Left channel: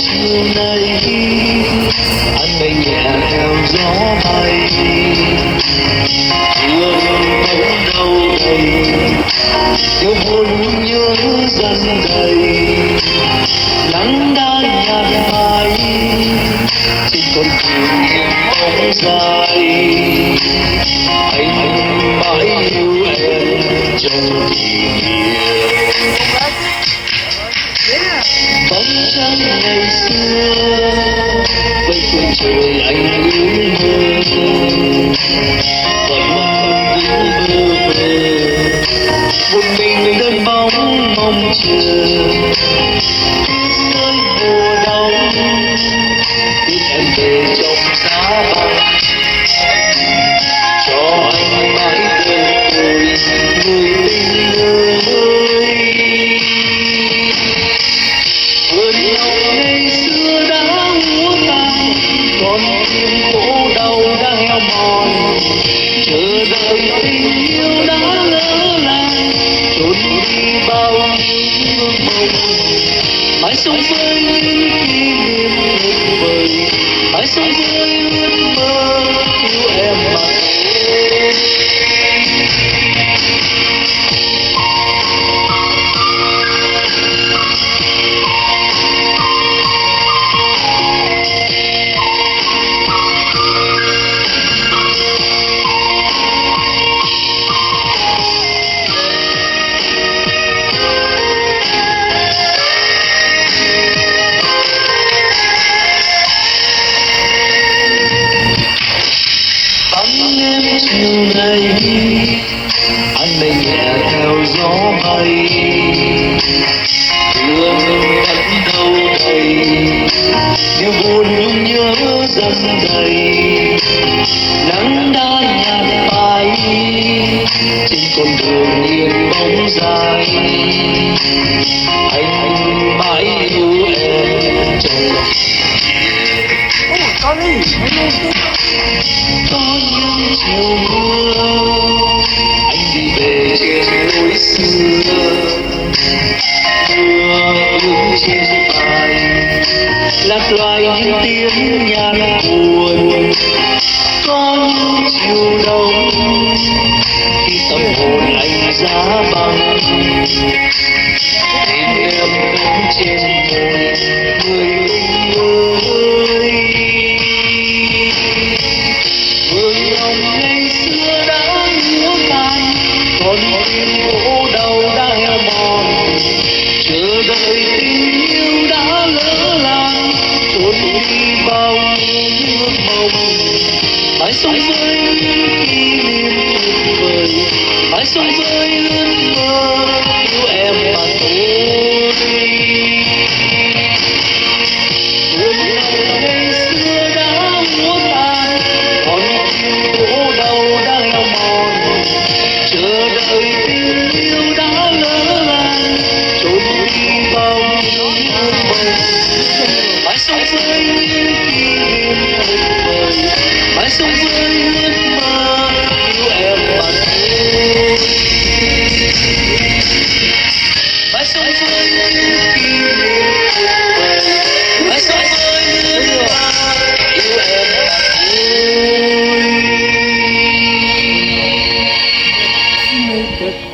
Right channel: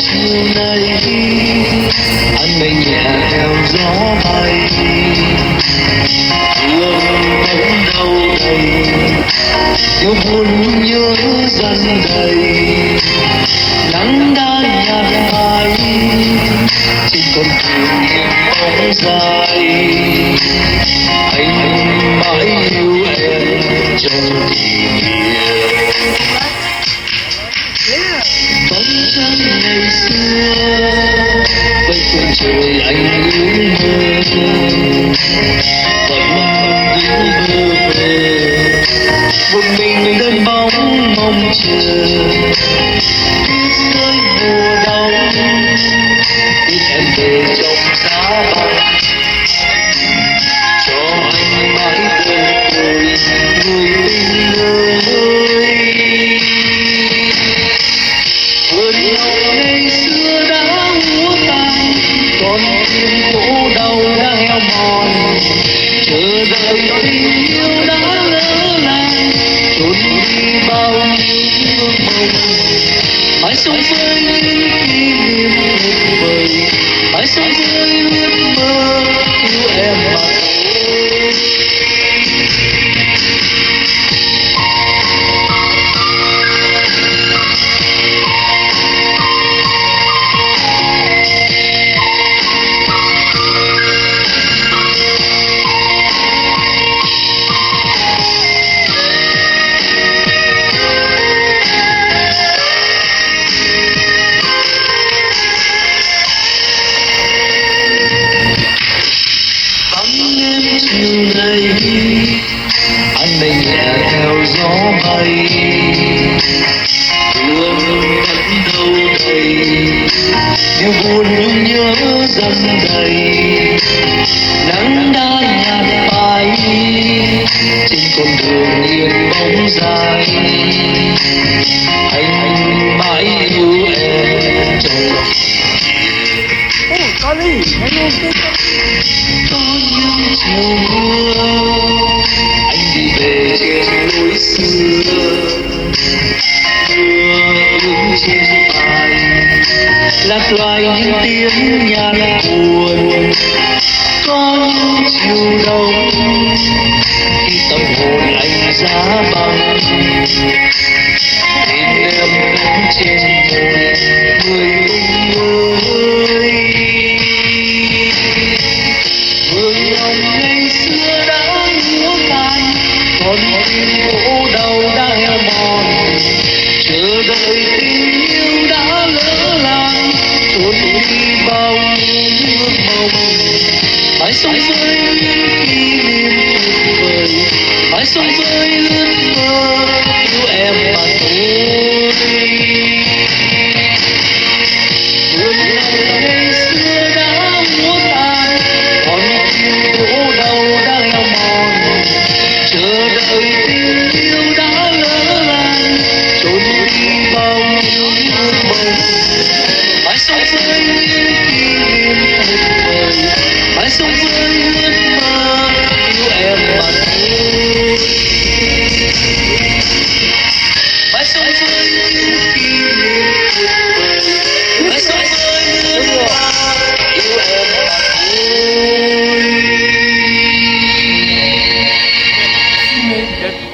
chiều nay anh bay nhẹ theo gió bay chưa bóng đâu yêu buồn nhớ dần đầy nắng đã nhạt phai trên con đường bóng dài anh mãi yêu em trong kỷ niệm bóng trắng ngày xưa với khung trời anh ước mơ vẫn đứng bơ vơ một mình đơn bóng mong chờ rơi mùa đông biết em về trong giá băng cho anh mãi bên tôi người tình ơi vườn ngọc ngày xưa đã úa tàn còn tim khổ đau đã heo mòn chờ đợi tình yêu đã lỡ làng trốn đi bao nhiêu ước mộng mãi sống với những kỷ niệm tuyệt vời mãi sống với ước mơ yêu em mà thôi. Bóng đêm chiều nay anh bay nhẹ theo gió bay đưa vẫn đâu đây điều buồn nhớ dần đầy nắng đã nhạt phai trên con đường yên bóng dài anh mãi yêu em trong có những chiều mưa anh đi về trên lối xưa mưa ướt trên vai lạc loài những tiếng nhạc buồn có những chiều đông khi tâm hồn anh giá băng nhìn em đứng trên môi người tình ơi vườn ngọc ngày xưa đã úa tàn còn tim khổ đau đã heo mòn chờ đợi tình yêu đã lỡ làng trốn đi bao nhiêu ước mộng mãi sống với những kỷ niệm tuyệt vời mãi sống với ước mơ yêu em mà thôi. Vườn ngọc ngày xưa đã úa tàn còn tim khổ đau đã heo mòn chờ đợi tình yêu đã lỡ làng trốn đi bao nhiêu ước mộng mãi sống với những kỷ niệm tuyệt vời mãi sống với ước mơ yêu em mà thôi mãi sống với những kỷ niệm tuyệt vời mãi sống với ước mơ yêu em mà thôi.